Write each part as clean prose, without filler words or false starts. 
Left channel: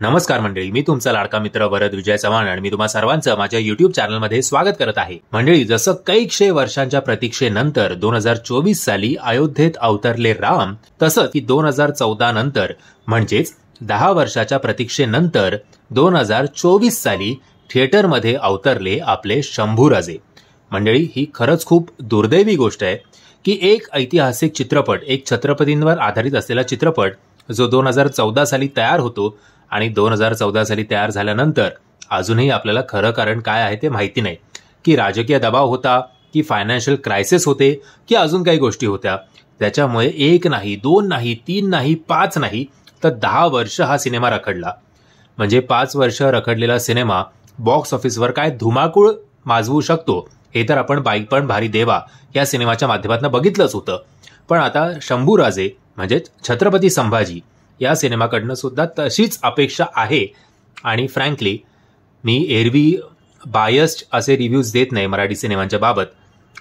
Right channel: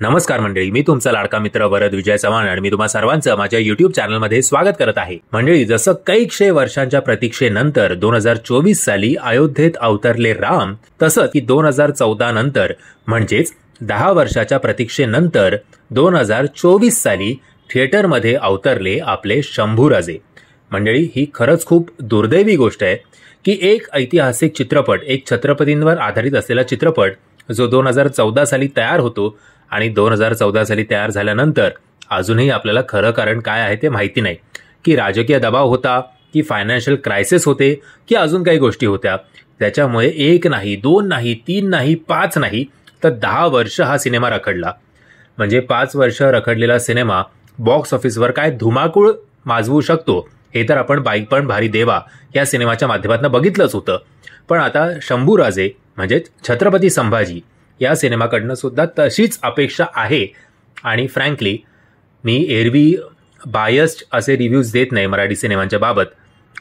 नमस्कार मंडळी, मी तुमचा लाडका मित्र वरद विजय चव्हाण आणि मी तुम्हा सर्वांचं माझ्या युट्यूब चॅनलमध्ये स्वागत करत आहे. मंडळी, जसं कैकशे वर्षांच्या प्रतीक्षेनंतर 2024 साली अयोध्येत अवतरले राम, तसंच की 2014 नंतर म्हणजेच 10 वर्षाच्या प्रतीक्षेनंतर 2024 साली थिएटरमध्ये अवतरले आपले शंभूराजे. मंडळी, ही खरंच खूप दुर्दैवी गोष्ट आहे की एक ऐतिहासिक चित्रपट, एक छत्रपतींवर आधारित असलेला चित्रपट जो 2014 साली तयार होतो आणि 2014 साली तयार झाल्यानंतर अजूनही आपल्याला खरं कारण काय आहे ते माहिती नाही, की राजकीय दबाव होता, की फायनान्शियल क्रायसिस होते, की अजून काही गोष्टी होत्या. त्याच्यामुळे 1 नाही, 2 नाही, 3 नाही, 5 नाही, तर 10 वर्ष हा सिनेमा रखडला. म्हणजे 5 वर्ष रखडलेला सिनेमा बॉक्स ऑफिसवर काय धुमाकूळ माजवू शकतो हे तर आपण बाईक पण भारी देवा या सिनेमाच्या माध्यमातून बघितलंच होतं. पण आता शंभूराजे म्हणजेच छत्रपती संभाजी या सिनेमाकडनं सुद्धा तशीच अपेक्षा आहे. आणि फ्रँकली मी एरवी बायस्ड असे रिव्ह्यूज देत नाही मराठी सिनेमांच्या बाबत.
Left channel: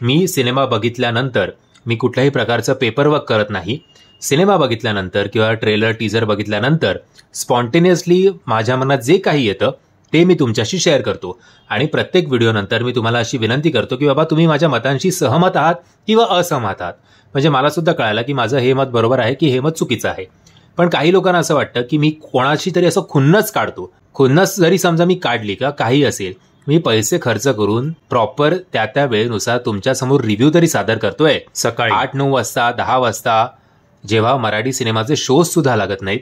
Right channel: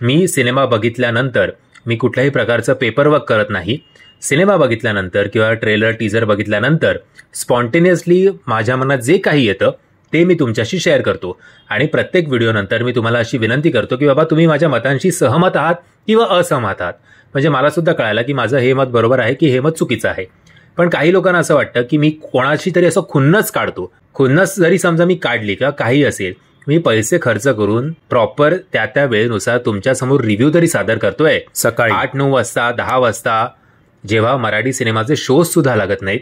मी सिनेमा बघितल्यानंतर मी कुठल्याही प्रकारचं पेपरवर्क करत नाही. सिनेमा बघितल्यानंतर किंवा ट्रेलर टीजर बघितल्यानंतर स्पॉन्टेनियसली माझ्या मनात जे काही येतं ते मी तुमच्याशी शेअर करतो. आणि प्रत्येक व्हिडिओनंतर मी तुम्हाला अशी विनंती करतो की बाबा तुम्ही माझ्या मतांशी सहमत आहात किंवा असहमत आहात, म्हणजे मला सुद्धा कळालं की माझं हे मत बरोबर आहे की हे मत चुकीचं आहे. पण काही लोकांना असं वाटतं की मी कोणाची तरी असं खुन्नस काढतो. खुन्नस जरी समजा मी काढली किंवा काही असेल, मी पैसे खर्च करून प्रॉपर त्या वेळेनुसार तुमच्यासमोर रिव्ह्यू तरी सादर करतोय. सकाळी 8-9 वाजता 10 वाजता जेव्हा मराठी सिनेमाचे शोज सुद्धा लागत नाहीत,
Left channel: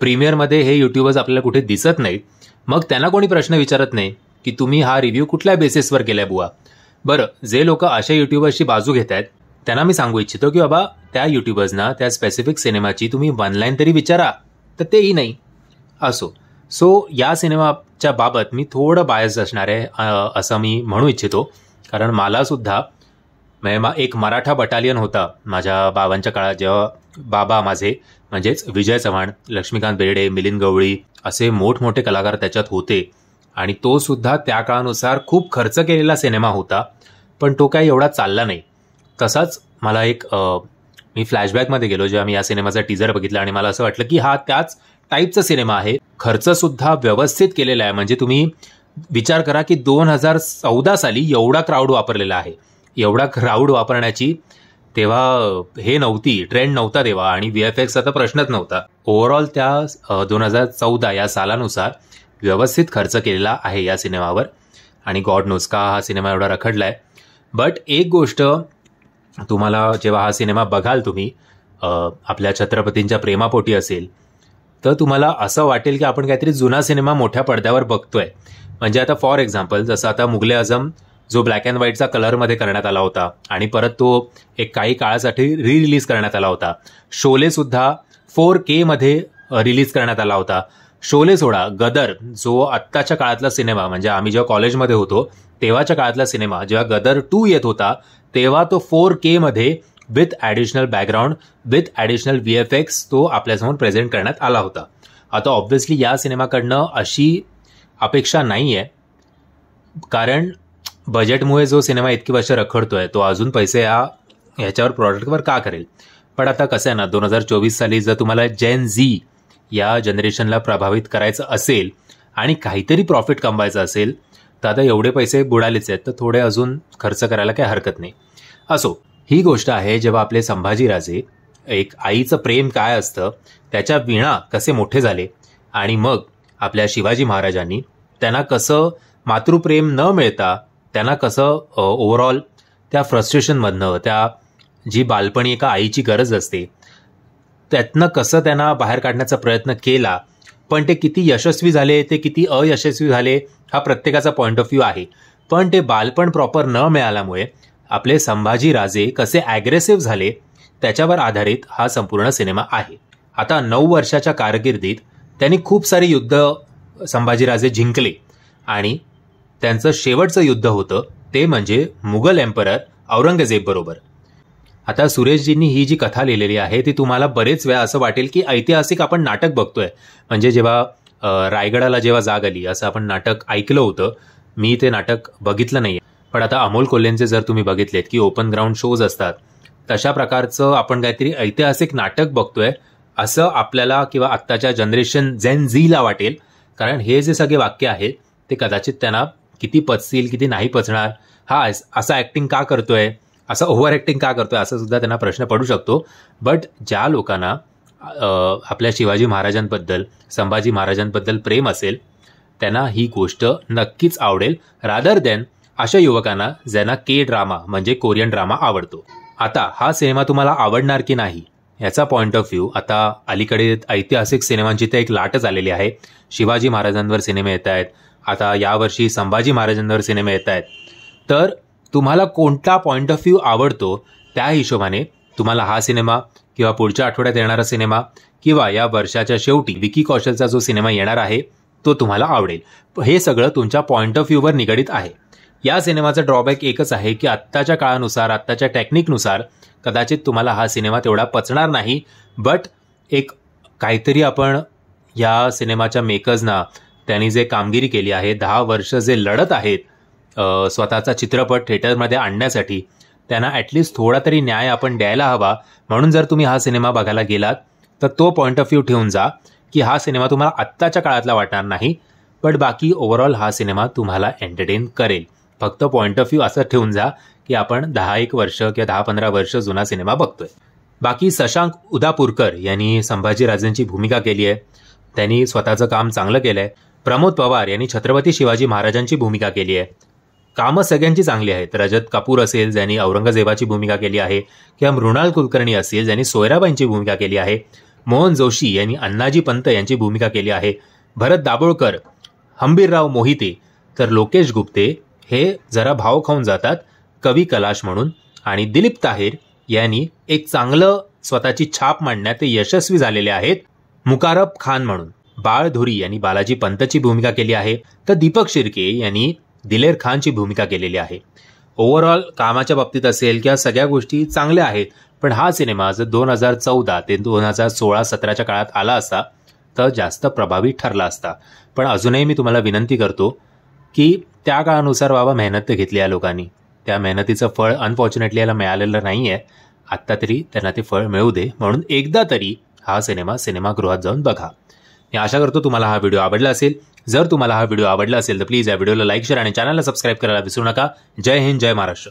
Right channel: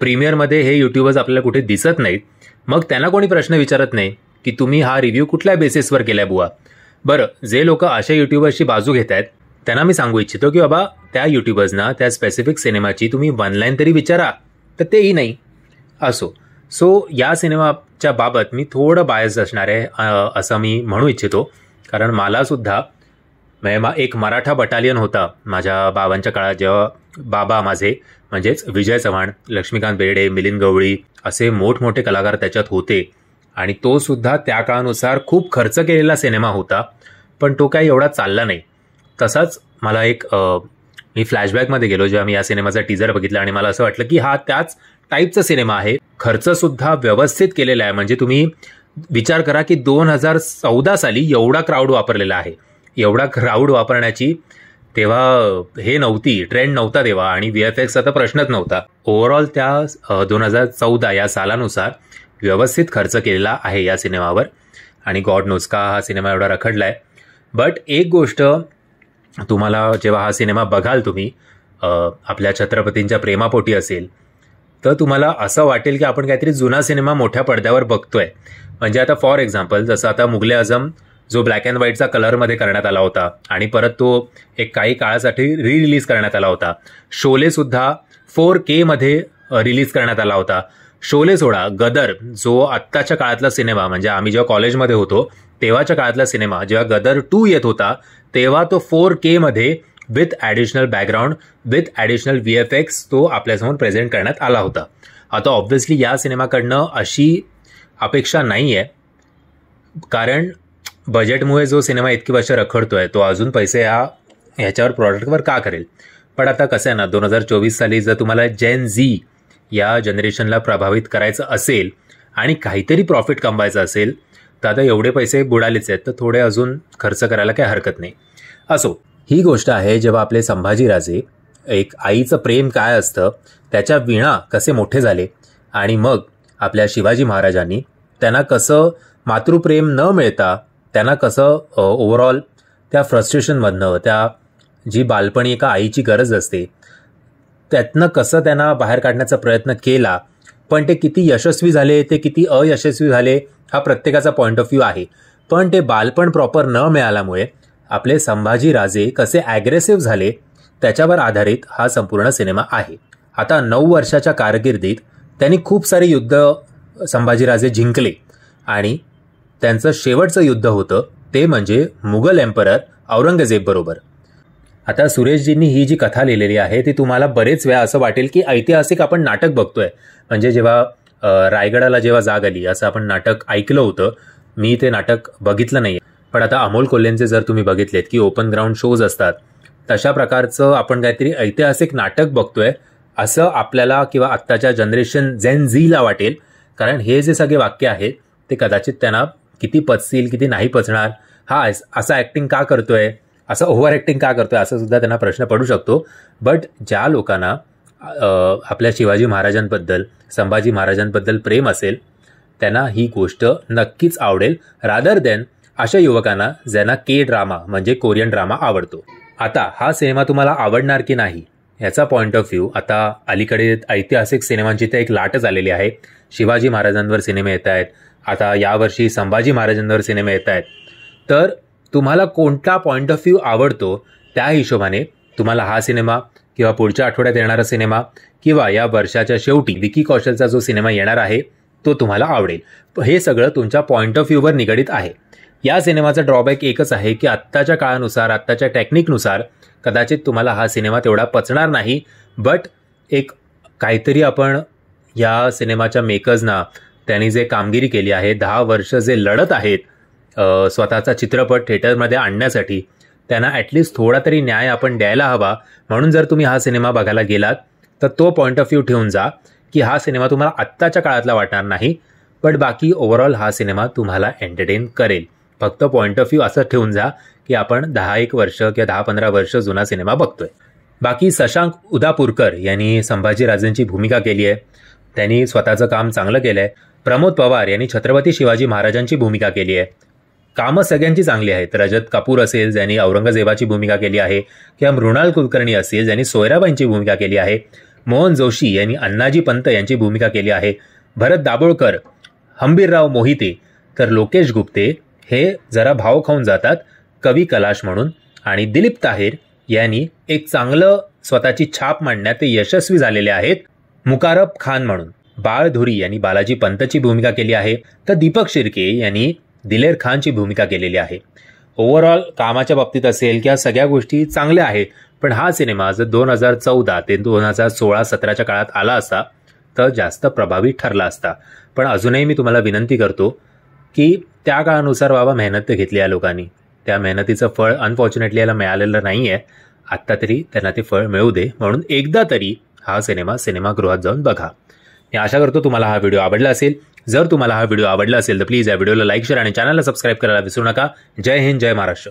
प्रीमियरमध्ये हे युट्यूबर्स आपल्याला कुठे दिसत नाहीत, मग त्यांना कोणी प्रश्न विचारत नाही की तुम्ही हा रिव्ह्यू कुठल्या बेसिसवर केलाय बुवा. बरं, जे लोक अशा युट्यूबर्सची बाजू घेत आहेत त्यांना मी सांगू इच्छितो की बाबा त्या युट्यूबर्सना त्या स्पेसिफिक सिनेमाची तुम्ही 1 लाईन तरी विचारा, तर तेही नाही. असो, सो या सिनेमाच्या बाबत मी थोडं बायस असणार आहे असं मी म्हणू इच्छितो. कारण मला सुद्धा एक मराठा बटालियन होता माझ्या बाबांच्या काळात, जेव्हा बाबा माझे म्हणजेच विजय चव्हाण, लक्ष्मीकांत बेर्डे, मिलिंद गवळी असे मोठमोठे कलाकार त्याच्यात होते. आणि तो सुद्धा त्या काळानुसार खूप खर्च केलेला सिनेमा होता, पण तो काही एवढा चालला नाही. तसाच मला मी फ्लॅशबॅकमध्ये गेलो जेव्हा मी या सिनेमाचा टीजर बघितला आणि मला असं वाटलं की हा त्याच टाईपचा सिनेमा आहे. खर्च सुद्धा व्यवस्थित केलेला आहे. म्हणजे तुम्ही विचार करा की 2014 साली एवढा क्राऊड वापरलेला आहे. एवढा क्राऊड वापरण्याची तेव्हा हे नव्हती, ट्रेंड नव्हता तेव्हा, आणि व्हीएफएक्सचा तर प्रश्नच नव्हता. ओव्हरऑल त्या 2014 या सालानुसार व्यवस्थित खर्च केलेला आहे या सिनेमावर. आणि गॉड नोस का हा सिनेमा एवढा रखडलाय. बट एक गोष्ट तुम्हाला जेव्हा हा सिनेमा बघाल तुम्ही आपल्या छत्रपतींच्या प्रेमापोटी असेल, तर तुम्हाला असं वाटेल की आपण काहीतरी जुना सिनेमा मोठ्या पडद्यावर बघतोय. म्हणजे आता फॉर एक्झाम्पल जसं आता मुघले आझम जो ब्लॅक अँड व्हाईटचा कलरमध्ये करण्यात आला होता आणि परत तो एक काही काळासाठी रिलीज करण्यात आला होता. शोले सुद्धा 4K मध्ये रिलीज करण्यात आला होता. शोले सोडा, गदर जो आत्ताच्या काळातला सिनेमा, म्हणजे आम्ही जेव्हा कॉलेजमध्ये होतो तेव्हाच्या काळातला सिनेमा, जेव्हा गदर 2 येत होता तेव्हा तो 4K मध्ये with additional background, with additional VFX तो आपल्यासमोर प्रेझेंट करण्यात आला होता. आता ऑब्व्हियसली या सिनेमाकडनं अशी अपेक्षा नाही आहे, कारण बजेटमुळे जो सिनेमा इतकी वर्ष रखडतोय तो अजून पैसे ह्याच्यावर प्रॉडक्टवर का करेल. पण आता कसं आहे ना, 2024 साली जर तुम्हाला जेन झी या जनरेशनला प्रभावित करायचं असेल आणि काहीतरी प्रॉफिट कमवायचं असेल, तर आता एवढे पैसे बुडालेच आहेत, तर थोडे अजून खर्च करायला काही हरकत नाही. असो, ही गोष्ट आहे जेव्हा आपले संभाजीराजे, एक आईचं प्रेम काय असतं, त्याच्या विणा कसे मोठे झाले, आणि मग आपल्या शिवाजी महाराजांनी त्यांना कसं मातृप्रेम न मिळता त्यांना कसं ओव्हरऑल त्या फ्रस्ट्रेशनमधनं, त्या जी बालपणी एका आईची गरज असते त्यातनं कसं त्यांना बाहेर काढण्याचा प्रयत्न केला. पण ते किती यशस्वी झाले, ते किती अयशस्वी झाले, हा प्रत्येकाचा पॉइंट ऑफ व्ह्यू आहे. पण ते बालपण प्रॉपर न मिळाल्यामुळे आपले संभाजीराजे कसे ॲग्रेसिव्ह झाले त्याच्यावर आधारित हा संपूर्ण सिनेमा आहे. आता 9 वर्षाच्या कारकिर्दीत त्यांनी खूप सारे युद्ध संभाजीराजे जिंकले आणि त्यांचं शेवटचं युद्ध होतं ते म्हणजे मुघल एम्परर औरंगजेब बरोबर. आता सुरेशजींनी ही जी कथा लिहिलेली आहे ती तुम्हाला बरेच वेळा असं वाटेल की ऐतिहासिक आपण नाटक बघतोय. म्हणजे जेव्हा रायगडाला जेव्हा जाग आली असं आपण नाटक ऐकलं होतं. मी ते नाटक बघितलं नाही, पण आता अमोल कोल्हेंचे जर तुम्ही बघितलेत की ओपन ग्राउंड शोज असतात, तशा प्रकारचं आपण काहीतरी ऐतिहासिक नाटक बघतोय असं आपल्याला किंवा आत्ताच्या जनरेशन जेन झीला वाटेल. कारण हे जे सगळे वाक्य आहेत ते कदाचित त्यांना किती पचतील किती नाही पचणार, हा असा ऍक्टिंग का करतोय, असं ओव्हर ऍक्टिंग का करतोय, असं सुद्धा त्यांना प्रश्न पडू शकतो. बट ज्या लोकांना आपल्या शिवाजी महाराजांबद्दल, संभाजी महाराजांबद्दल प्रेम असेल त्यांना ही गोष्ट नक्कीच आवडेल, रादर दॅन अशा युवकांना ज्यांना ड्रामा म्हणजे कोरियन ड्रामा आवडतो. आता हा सिनेमा तुम्हाला आवडणार की नाही याचा पॉइंट ऑफ व्ह्यू, आता अलीकडे ऐतिहासिक सिनेमांची तर एक लाटच आलेली आहे. शिवाजी महाराजांवर सिनेमे येत आहेत, आता यावर्षी संभाजी महाराजांवर सिनेमे येत आहेत. तर तुम्हाला कोणता पॉइंट ऑफ व्ह्यू आवडतो त्या हिशोबाने तुम्हाला हा सिनेमा किंवा पुढच्या आठवड्यात येणारा सिनेमा किंवा या वर्षाच्या शेवटी विकी कौशलचा जो सिनेमा येणार आहे तो तुम्हाला आवडेल. हे सगळं तुमच्या पॉइंट ऑफ व्ह्यूवर निगडीत आहे. या सिनेमाचा ड्रॉबॅक एकच आहे की आत्ताच्या काळानुसार, आत्ताच्या टेक्निकनुसार कदाचित तुम्हाला हा सिनेमा तेवढा पचणार नाही. बट एक काहीतरी आपण या सिनेमाच्या मेकर्सना, त्यांनी जे कामगिरी केली आहे, 10 वर्ष जे लढत आहेत स्वतःचा चित्रपट थिएटरमध्ये आणण्यासाठी, त्यांना ॲटलिस्ट थोडा तरी न्याय आपण द्यायला हवा. म्हणून जर तुम्ही हा सिनेमा बघायला गेलात तर तो पॉइंट ऑफ व्ह्यू ठेवून जा की हा सिनेमा तुम्हाला आत्ताच्या काळातला वाटणार नाही, बट बाकी ओव्हरऑल हा सिनेमा तुम्हाला एंटरटेन करेल. फक्त पॉइंट ऑफ व्ह्यू असं ठेवून जा की आपण 10-1 वर्ष किंवा 10-15 वर्ष जुना सिनेमा बघतोय. बाकी शशांक उदापूरकर यांनी संभाजीराजांची भूमिका केली आहे, त्यांनी स्वतःचं काम चांगलं केलंय. प्रमोद पवार यांनी छत्रपती शिवाजी महाराजांची भूमिका केली आहे. कामं सगळ्यांची चांगली आहेत. रजत कपूर असेल ज्यांनी औरंगजेबाची भूमिका केली आहे, किंवा मृणाल कुलकर्णी असेल ज्यांनी सोयराबाईंची भूमिका केली आहे, मोहन जोशी यांनी अण्णाजी पंत यांची भूमिका केली आहे, भरत दाभोळकर, हंबीरराव मोहिते, तर लोकेश गुप्ते हे जरा भाव खाऊन जातात कवी कलाश म्हणून, आणि दिलीप ताहेर यांनी एक चांगलं स्वतःची छाप मांडण्यात ते यशस्वी झालेले आहेत मुकारब खान म्हणून. बाळ धुरी यांनी बालाजी पंतची भूमिका केली आहे, तर दीपक शिर्के यांनी दिलेर खानची भूमिका केलेली आहे. ओव्हरऑल कामाच्या बाबतीत असेल किंवा सगळ्या गोष्टी चांगल्या आहेत. पण हा सिनेमा जर 2014 ते 2016-17च्या काळात आला असता तर जास्त प्रभावी ठरला असता. पण अजूनही मी तुम्हाला विनंती करतो की त्या काळानुसार बाबा मेहनत घेतली या लोकांनी, त्या मेहनतीचं फळ अनफॉर्च्युनेटली याला मिळालेलं नाहीये. आत्ता तरी त्यांना ते फळ मिळू दे, म्हणून एकदा तरी हा सिनेमागृहात जाऊन बघा. मी आशा करतो तुम्हाला हा व्हिडिओ आवडला असेल. जर तुम्हाला हा व्हिडिओ आवडला असेल तर प्लीज या व्हिडिओला लाईक, शेअर आणि चॅनलला सबस्क्राईब करायला विसरू नका. जय हिंद, जय महाराष्ट्र.